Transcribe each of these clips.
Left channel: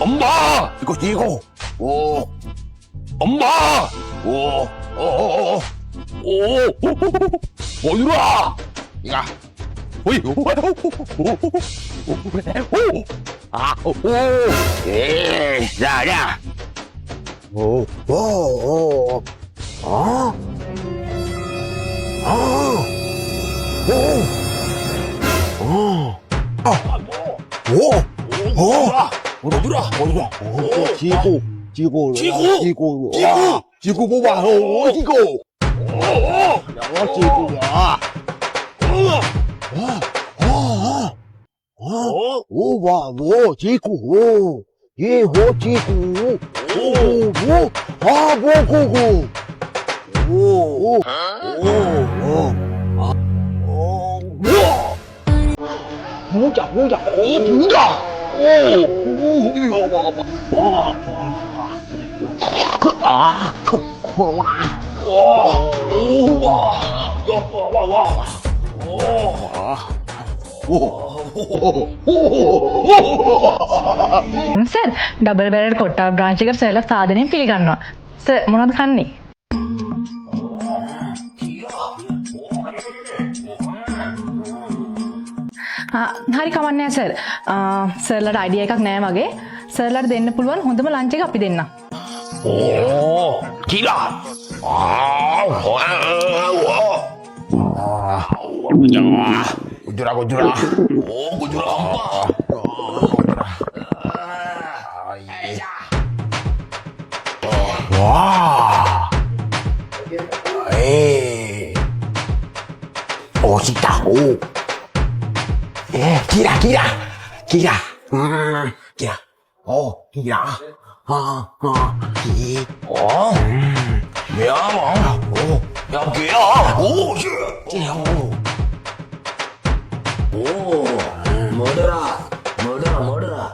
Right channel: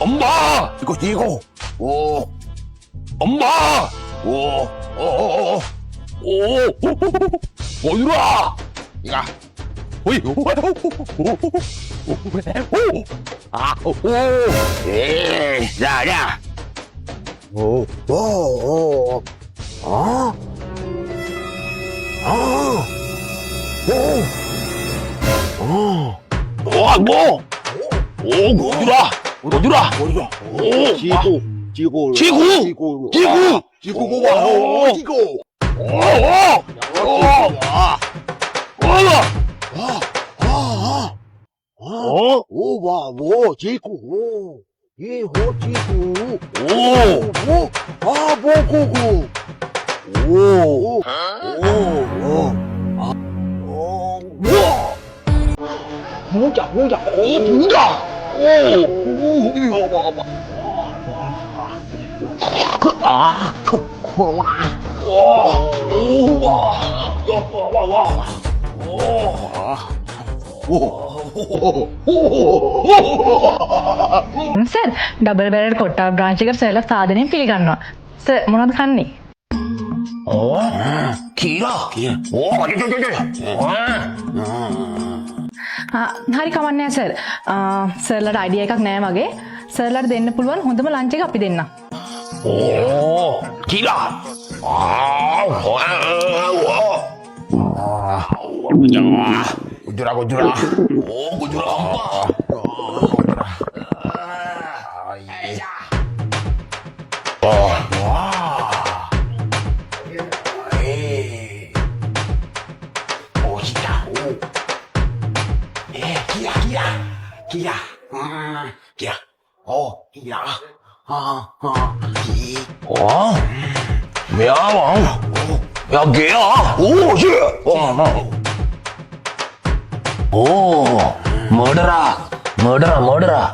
엄마! 이거. 엄마! 어디라? 이가. 오이. 에이, 야. 어디라? 지구. Sir double barrel කොට්ටා branch එක සර්ලා සාදනයෙන් පිළිගන්නවා. Sir මොනවද කන්නේ? හරි කමන්නේ සර්. සර්ලාට අයිඩියා එකක් නෑ වගේ. සර්ලාට දෙන්න පුළුවන් හොඳම ලන්ච් එක අපි දෙන්නම්. Gujura. Cita. Kira. Kira. Kira. Murderer.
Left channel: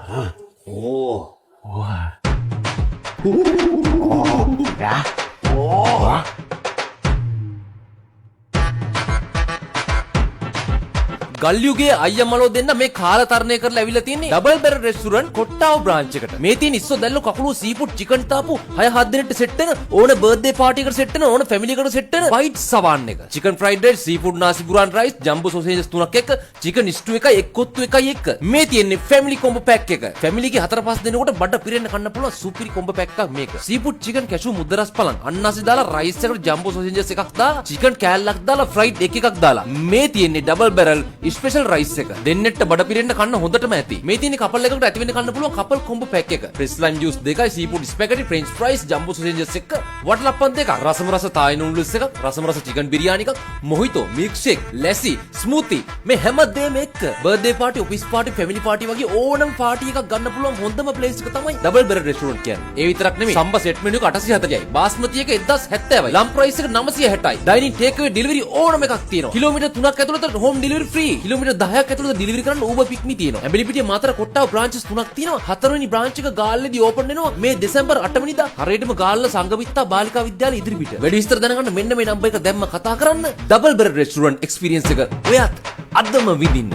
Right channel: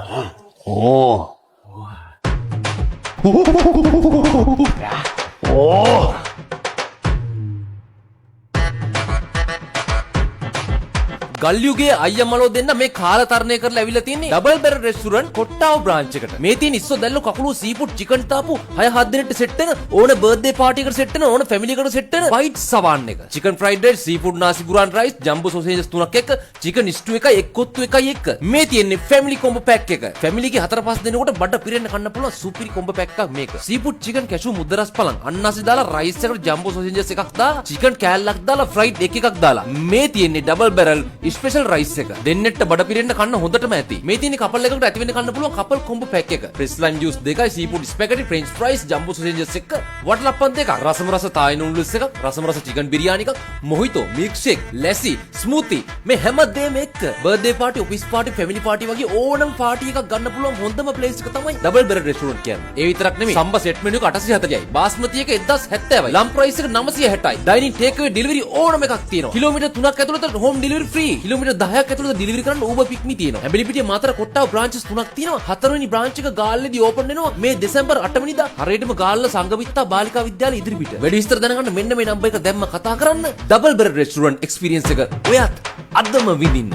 ගල්යුගේ අයියමලෝ දෙන්න මේ කාලතරණය කරලා ඇවිල්ලා තින්නේ double barrel restaurant Kottawa branch එකට. මේ තියෙන ඉස්සෝ දැල්ලෝ කකුළු සීෆුඩ් චිකන් තාපු 6-7 දෙනෙක්ට සෙට් වෙන ඕන බර්ත්ඩේ පාටි එකට සෙට් වෙන ඕන ෆැමිලි එකට සෙට් වෙන වයිට් සවාන් එක. චිකන් ෆ්‍රයිඩ් රයිස්, සීෆුඩ් නාසි ගුරාන් රයිස්, ජම්බෝ සොසේජස් 3ක් එක්ක, චිකන් ස්ටු එකයි එක් කොත්තු එකයි එක්ක. මේ තියෙන්නේ ෆැමිලි කොම්බෝ පැක් එක. ෆැමිලිගේ 4-5 දෙනෙකුට බඩ පිරෙන්න කන්න පුළුවන් සුපිරි කොම්බෝ පැක් එකක් මේක. සීෆුඩ් චිකන් කැෂු මුද්දරස් පලං අන්නාසි දාලා රයිස් එකට ජම්බෝ සොසේජස් එකක් දාලා චිකන් කෑල්ලක් දාලා ෆ්‍රයිඩ් එකක් දාලා. මේ තියෙන්නේ ඩබල් බැරල් ස්පෙෂල් රයිස් එක. දෙන්නෙට බඩ පිරෙන්න කන්න හොඳටම ඇති. මේ තියෙන කපල් එකකට ඇති වෙන්න කන්න පුළුවන් කපල් කොම්බෝ පැක් එක. ෆ්‍රෙෂ් ලයිම් ජූස් දෙකයි, seafood spaghetti, French fries, jumbo sausages එක, වටලප්පන් දෙකක්, රසම රස තායි නූඩල්ස් එකක්, රසම රස චිකන් බිරියානි එකක්, මොහිතෝ, මිල්ක් ෂේක්, ලැසි, ස්මූති මේ හැම දෙයක්ම එක්ක birthday party, office party, family party වගේ ඕනම පාටි එකක් ගන්න පුළුවන් හොඳම ප්ලේස් එක තමයි ඩබල් බැරල් රෙස්ටුරන්ට් කියන්නේ. ඒ විතරක් නෙමෙයි සම්බ සෙට් මෙනු එක 840යි, බාස්මති එක 1070යි, ලම් ප්‍රයිස් එක 960යි, ඩයිනින් ටේක් අවේ ඩෙලිවරි ඕනම එකක් තියෙනවා. කිලෝමීටර් 3ක් ඇතුළත හෝම් ඩෙලිවරි ෆ්‍රී. කිලෝමීටර් 10ක් ඇතුළත ඩෙලිවරි කරන්න Uber Pick Me තියෙනවා. ඇඹිලිපිටිය මාතර කොට්ටාව බ්‍රාන්චස් 3ක් තියෙනවා. 4 වෙනි බ්‍රාන්ච් එක ගාල්ලේදී ඕපන් වෙනවා මේ දෙසැම්බර් 8 වෙනිදා. හරියටම ගාල්ල සංගමිත්තා බාලිකා විද්‍යාලය ඉදිරිපිට. වැඩි විස්තර දැනගන්න මෙන්න මේ නම්බර් එක දැම්ම කතා කරන්න. ඩබල් බැරල් රෙස්ටුරන්ට් එක්ස්පීරියන්ස් එක ඔයත් අදම විඳින්න.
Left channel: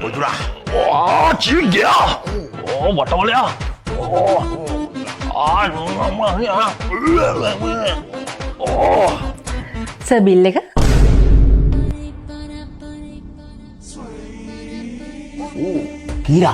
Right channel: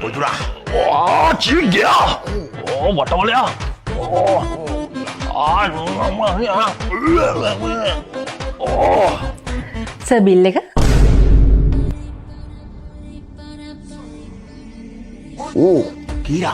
Gujura. Cigya. Watamalya. Sir bill එක? Kira.